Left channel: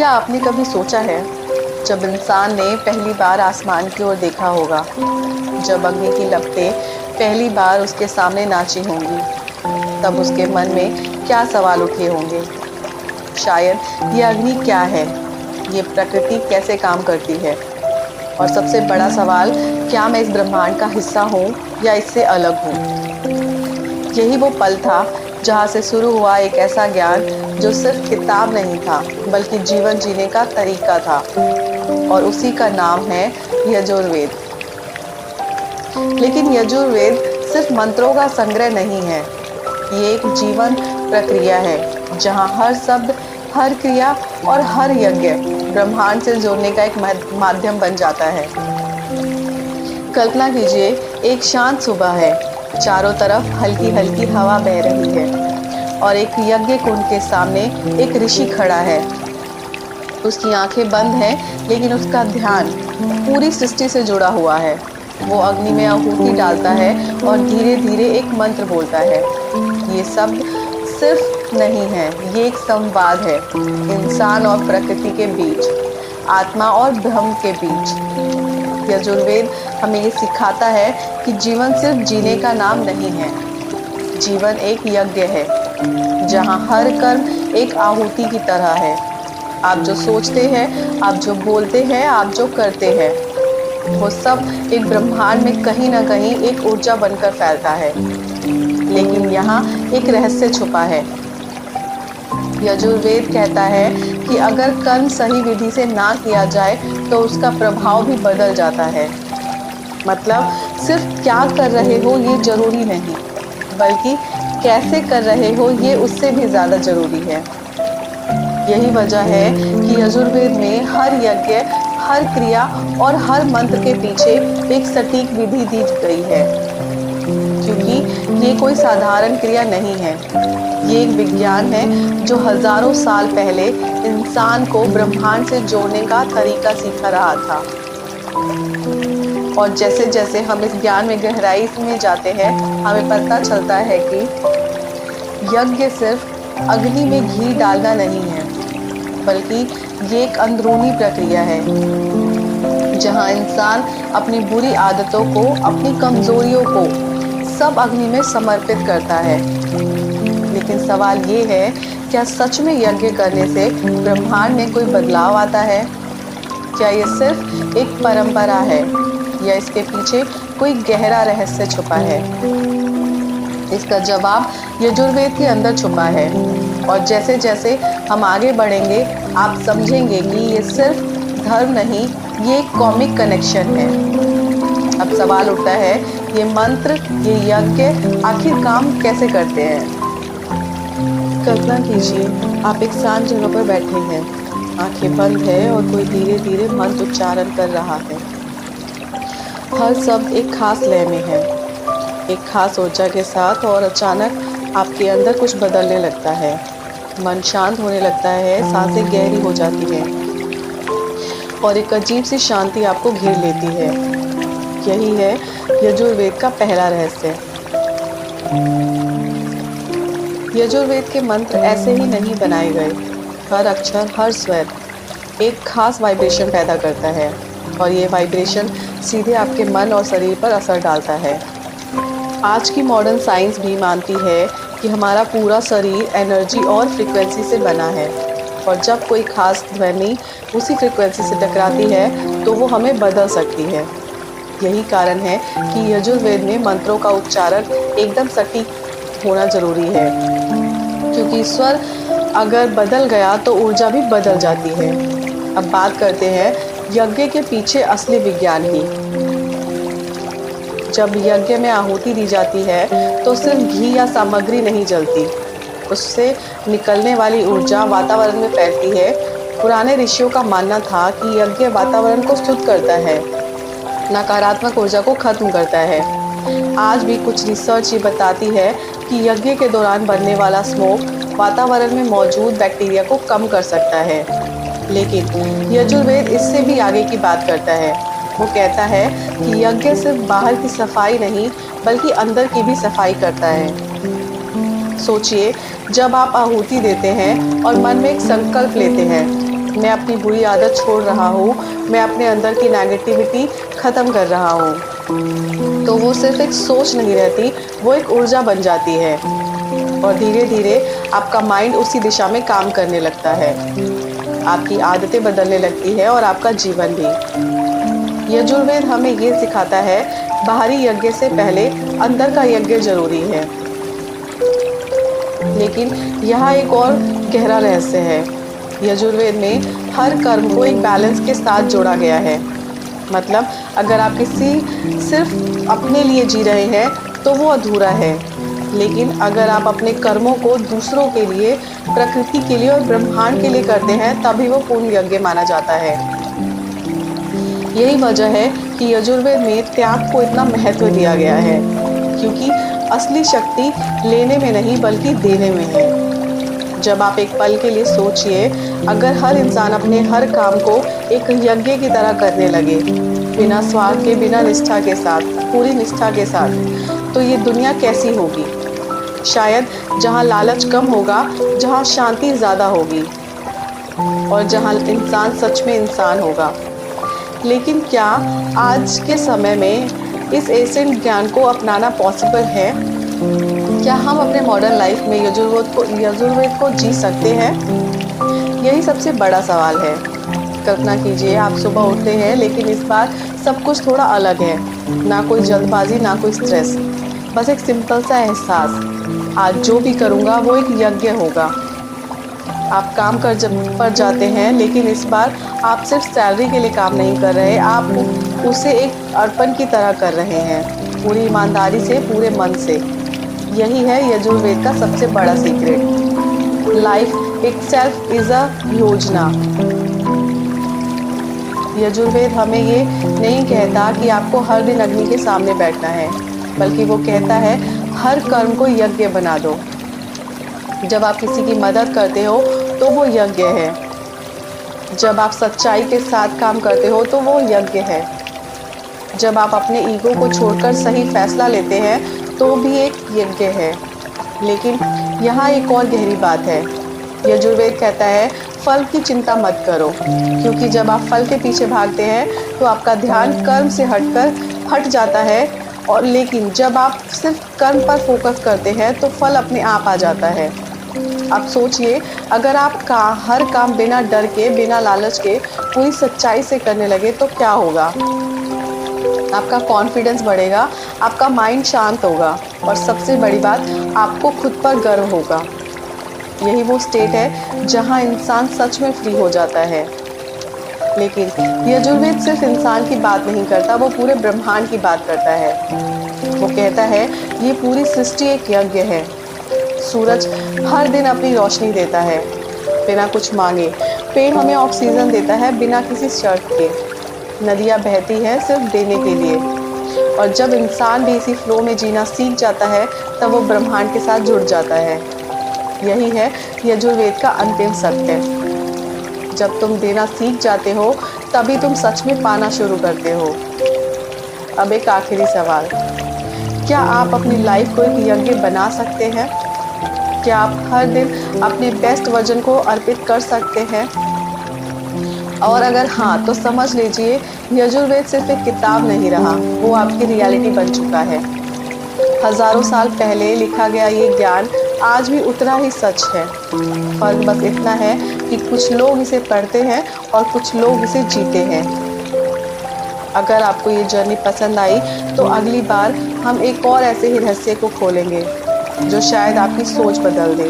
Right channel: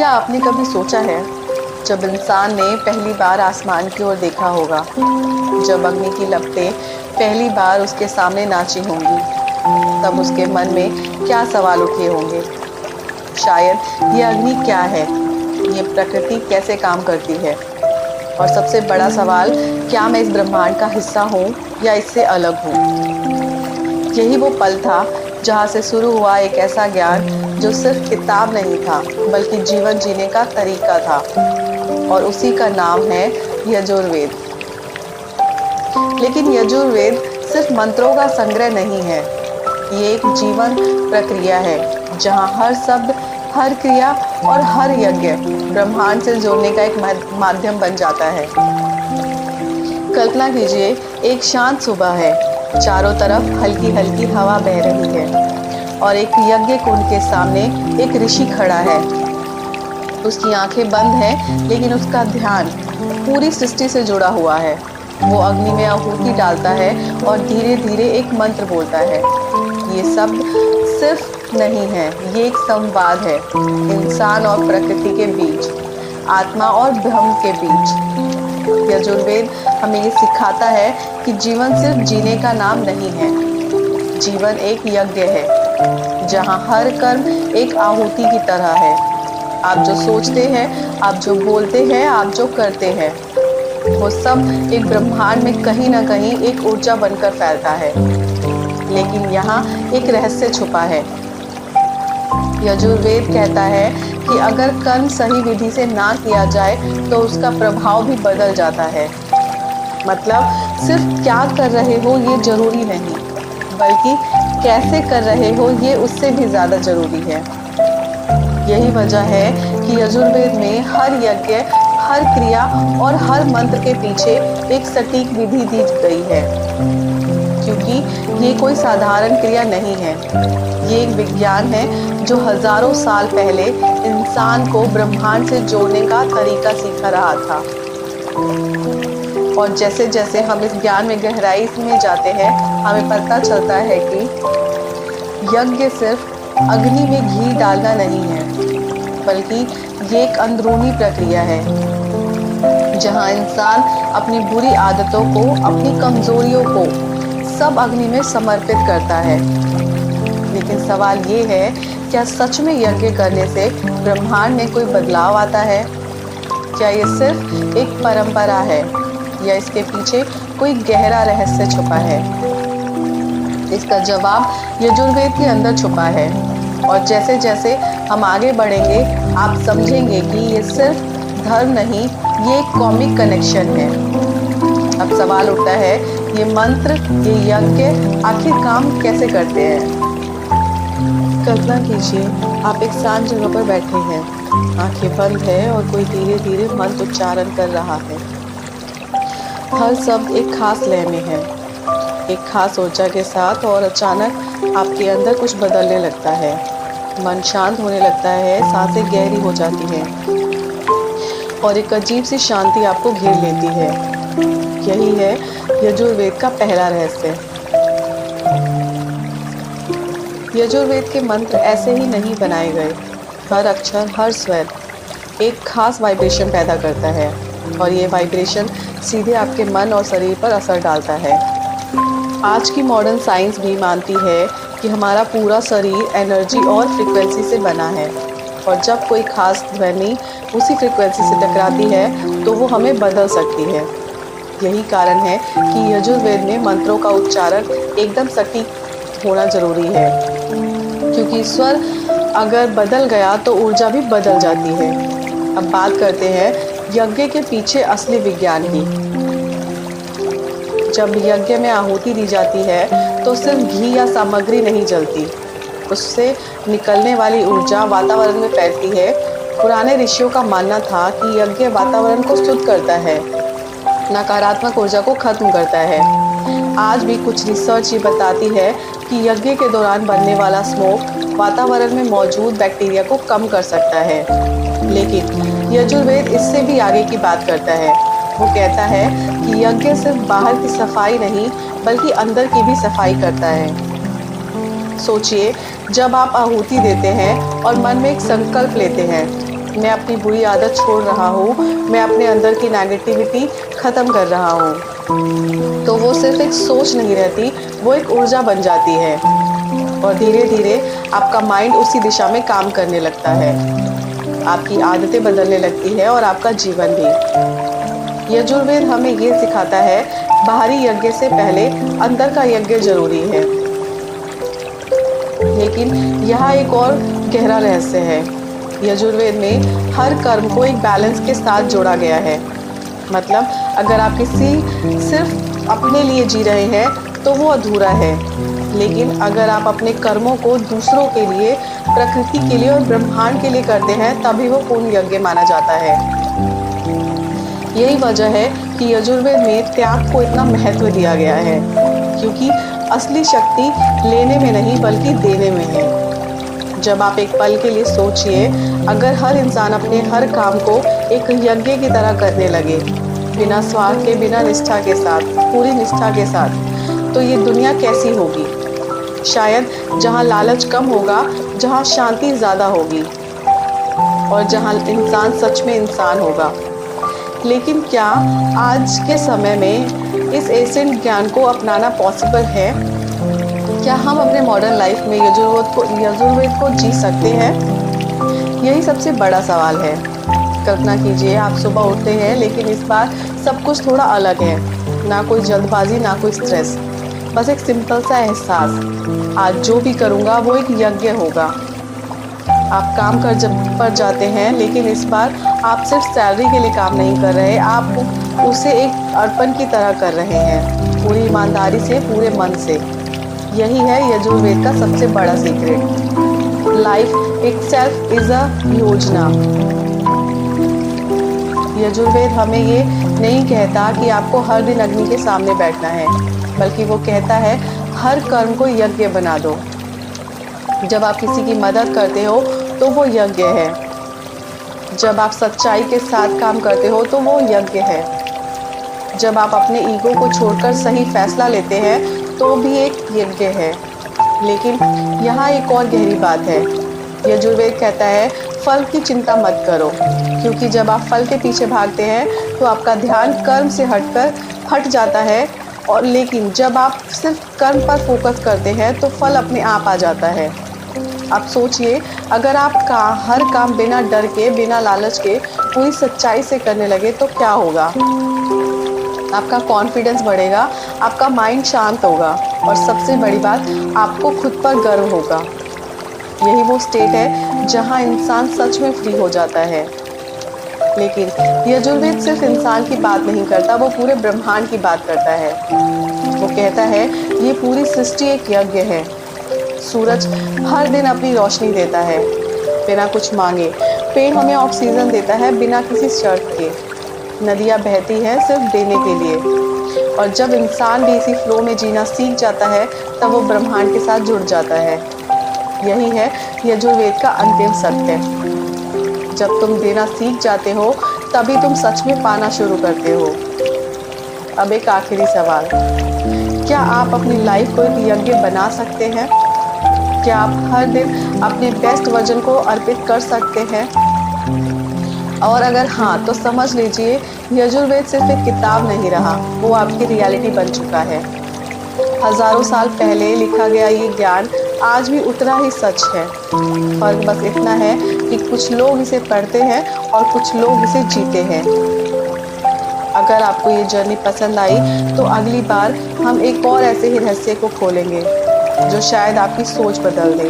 क्या आपने कभी सोचा है, जब इंसान ने पहली बार आसमान की ओर देखा होगा, जब अग्नि की लपटें पहली बार उसके सामने नाची होंगी, तब उसके मन में क्या सवाल उठे होंगे? शायद ये अग्नि क्या है, ये प्रकृति कैसे काम करती है, और सबसे बड़ा सवाल, क्या मैं इस ब्रह्मांड का हिस्सा हूँ या इससे अलग हूँ? यही वो पल था जहाँ से शुरू हुआ एक ऐसा ज्ञान जो सिर्फ किताब नहीं था, बल्कि जीवन जीने का तरीका था, और उसी का नाम है यजुर्वेद। लेकिन यजुर्वेद सिर्फ मंत्रों का संग्रह नहीं है, ये एक जीवन प्रक्रिया है जहाँ हर शब्द, हर क्रिया और हर यज्ञ ब्रह्मांड से जोड़ने का एक माध्यम बन जाता है। कल्पना कीजिए, एक शांत सुबह है, चारों तरफ हल्की हल्की हवा बह रही है और एक यज्ञ कुंड के सामने एक ऋषि खड़ा है। उसकी आंखें बंद हैं, लेकिन उसका ध्यान पूरी सृष्टि से जुड़ा हुआ है। वो अग्नि में आहुति डालता है और धीरे धीरे एक मंत्र बोलता है। ये शब्द सिर्फ नहीं है, ये एक संवाद है, इंसान और प्रकृति के बीच, आत्मा और ब्रह्म के बीच। यजुर्वेद हमें ये सिखाता है कि जीवन सिर्फ जीने का नाम नहीं है, जीवन एक यज्ञ है जहाँ हर कर्म एक आहुति की तरह है। आप जो सोचते हैं, आप जो बोलते हैं, आप जो करते हैं, वो सब एक ब्रह्मांड में कहीं ना कहीं एक ऊर्जा बनकर फैलता है। लेकिन यहाँ एक रहस्य छुपा है। यजुर्वेद कहता है कि अगर कर्म सही विधि से ना किया जाए तो उसका प्रभाव भी बदल जाता है। मतलब सिर्फ क्या कर रहे हो ये जरूरी नहीं, बल्कि कैसे कर रहे हो ये उससे भी ज़्यादा ज़रूरी है। यही वजह है कि यजुर्वेद में हर यज्ञ, हर क्रिया और हर मंत्र के पीछे एक सटीक विधि दी गई है, क्योंकि ये कोई साधारण क्रिया नहीं है, ये एक विज्ञान है जो हजारों साल पहले इंसान को ब्रह्मांड से जोड़ने का तरीका सिखा रहा था। और जैसे जैसे हम इस ज्ञान में गहराई में जाते हैं, हमें पता चलता है कि यज्ञ सिर्फ अग्नि में घी डालना नहीं है, बल्कि ये एक अंदरूनी प्रक्रिया है जहाँ इंसान अपनी बुरी आदतों को, अपनी कमजोरियों को सब अग्नि में समर्पित करता है। लेकिन सवाल ये है, क्या सच में यज्ञ करने से ब्रह्मांड में कोई बदलाव आता है? क्या ये सिर्फ एक परंपरा है या इसके पीछे कोई गहरा रहस्य छुपा है? इसका जवाब यजुर्वेद के अंदर छुपा है, और जैसे जैसे हम आगे बढ़ेंगे आप समझेंगे कि ये सिर्फ धर्म नहीं, ये एक कॉमिक कनेक्शन है। अब सवाल उठता है, ये मंत्र, ये यज्ञ आखिर काम कैसे करते हैं? कल्पना कीजिए, आप एक शांत जगह पर बैठे हैं, आंखें बंद है और कोई धीरे धीरे मंत्र उच्चारण कर रहा है। हर शब्द एक खास लय में है, एक खास ऊर्जा के साथ, और अचानक आपके अंदर कुछ बदलने लगता है। मन शांत होने लगता है, सांसें गहरी हो जाती हैं और एक अजीब सी शांति आपको घेर लेती है। यही है यजुर्वेद का पहला रहस्य। यजुर्वेद के मंत्र ऐसे ही नहीं बनाए गए। हर अक्षर, हर स्वर एक खास वाइब्रेशन पैदा करता है, और ये वाइब्रेशन सीधे आपके मन और शरीर पर असर डालता है। आज की मॉडर्न साइंस भी मानती है कि हमारा पूरा शरीर एनर्जी और फ्रीक्वेंसी से बना है, और जब कोई खास ध्वनि उसी फ्रीक्वेंसी से टकराती है तो वो हमें बदल सकती है। यही कारण है कि यजुर्वेद में मंत्रों का उच्चारण एकदम सटीक होना ज़रूरी है, क्योंकि स्वर अगर बदल गया तो ऊर्जा भी बदल जाती है। अब बात करते हैं यज्ञ के पीछे असली विज्ञान की। जब यज्ञ में आहुति दी जाती है तो सिर्फ घी या सामग्री नहीं जलती, उससे निकलने वाली ऊर्जा वातावरण में फैलती है। पुराने ऋषियों का मानना था कि यज्ञ वातावरण को शुद्ध करता है, नकारात्मक ऊर्जा को खत्म करता है। आज भी कुछ रिसर्च ये बताती है कि यज्ञ के दौरान बनने वाला स्मोक वातावरण में मौजूद बैक्टीरिया को कम कर सकता है। लेकिन यजुर्वेद इससे भी आगे की बात करता है। वो कहता है कि यज्ञ सिर्फ बाहर की सफाई नहीं, बल्कि अंदर की भी सफाई करता है। सोचिए, जब आप आहुति देते हैं और मन में एक संकल्प लेते हैं, मैं अपनी बुरी आदत छोड़ रहा हूँ, मैं अपने अंदर की नेगेटिविटी ख़त्म कर रहा हूँ। तो वो सिर्फ एक सोच नहीं रहती, वो एक ऊर्जा बन जाती है और धीरे धीरे आपका माइंड उसी दिशा में काम करने लगता है। आपकी आदतें बदलने लगती है और आपका जीवन भी। यजुर्वेद हमें ये सिखाता है, बाहरी यज्ञ से पहले अंदर का यज्ञ जरूरी है। लेकिन यहाँ एक और गहरा रहस्य है। यजुर्वेद में हर कर्म को एक बैलेंस के साथ जोड़ा गया है। मतलब अगर आप सिर्फ अपने लिए जी रहे हैं तो वो अधूरा है, लेकिन अगर आप अपने कर्मों को दूसरों के लिए, प्रकृति के लिए और ब्रह्मांड के लिए करते हैं तभी वो पूर्ण यज्ञ माना जाता है। यही वजह है कि यजुर्वेद में त्याग को इतना महत्व दिया गया है, क्योंकि असली शक्ति लेने में नहीं बल्कि देने में है। जब आप एक पल के लिए सोचिए, अगर हर इंसान अपने हर काम को एक यज्ञ की तरह करने लगे, बिना स्वार्थ के, बिना निष्ठा के साथ, पूरी निष्ठा के साथ, तो ये दुनिया कैसी होगी? शायद जहाँ लालच कम होगा, जहाँ शांति ज़्यादा होगी और जहाँ इंसान सच में इंसान होगा। लेकिन क्या आज के समय में इस एंशिएंट ज्ञान को अपनाना पॉसिबल है? क्या हम अपने मॉडर्न लाइफ में यजुर्वेद को जी सकते हैं? यही सबसे बड़ा सवाल है। कल्पना कीजिए, आप सुबह उठते हैं, लेकिन इस बार सब कुछ थोड़ा अलग है। ना कोई जल्दबाजी, ना कोई स्ट्रेस, बस एक सिंपल सा एहसास, आज जो भी करूँगा वो एक यज्ञ होगा। आप काम पर जाते हैं, लेकिन इस बार आप सिर्फ सैलरी के लिए काम नहीं कर रहे, आप उसे एक अर्पण की तरह कर रहे हैं, पूरी ईमानदारी से, पूरे मन से। यही है यजुर्वेद का सबसे बड़ा secret. Life itself is a योजना। यजुर्वेद हमें ये नहीं कहता कि आपको हर दिन अग्नि के सामने बैठना है, बल्कि वो कहता है हर कर्म को यज्ञ बना दो। जब आप किसी की मदद करते हो तो वो यज्ञ है। जब आप सच्चाई के साथ काम करते हो तो वो यज्ञ है। जब आप अपने ईगो को छोड़कर सही फैसला लेते हैं तो भी एक यज्ञ है। लेकिन यहाँ एक और गहरी बात है। यजुर्वेद कहता है फल की चिंता मत करो, क्योंकि जब आप फल के पीछे भागते हैं तो आपका ध्यान कर्म से हट जाता है, और लेकिन जब आप सिर्फ कर्म पर फोकस करते हैं तो फल अपने आप आ जाता है। आप सोचिए, अगर आप हर काम बिना डर के, बिना लालच के, पूरी सच्चाई से करने लगे तो क्या होगा? आपका कॉन्फिडेंस बढ़ेगा, आपका माइंड शांत होगा और सबसे बड़ी बात, आपको खुद पर गर्व होगा। यही वो स्टेट है जहां इंसान सच में फ्री हो जाता है। लेकिन यजुर्वेद सिर्फ इंसान की बात नहीं करता, वो पूरे ब्रह्मांड की बात करता है। वो कहता है ये पूरी सृष्टि एक यज्ञ है। सूरज हर दिन अपनी रोशनी देता है बिना कुछ मांगे। पेड़ हमें ऑक्सीजन देता है बिना किसी शर्त के। नदियाँ बहती हैं सिर्फ देने के लिए। और जब इंसान भी इसी फ्लो में जीना सीख जाता है तब वो ब्रह्मांड के साथ जुड़ जाता है। यही है यजुर्वेद का अंतिम सत्य। जब तुम देना सीख जाते हो तभी तुम सच में पाना शुरू करते हो। अब एक आखिरी सवाल, क्या आप अपनी लाइफ को एक यज्ञ बना सकते हैं? क्या आप हर दिन अपने बेस्ट वर्जन को अर्पित कर सकते हैं? और अगर हाँ, तो समझ लीजिए यजुर्वेद सिर्फ एक किताब नहीं रहा, वो आपकी रियलिटी बन चुका है। हजारों साल पहले लिखा गया ये ज्ञान आज भी उतना ही सच है। फर्क बस इतना है कि कुछ लोग इसे पढ़ते हैं और कुछ लोग इसे जीते हैं। अगर आपको ये जर्नी पसंद आई तो अगली बार हम एक और ऐसे ही रहस्य को खोलेंगे जो शायद आपकी सोच बदल दे।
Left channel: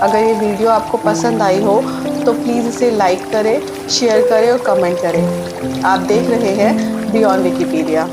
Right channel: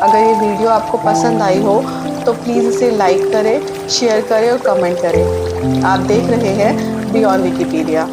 अगर ये वीडियो आपको पसंद आई हो तो प्लीज़ इसे लाइक करें, शेयर करें और कमेंट करें। आप देख रहे हैं बियॉन्ड विकिपीडिया।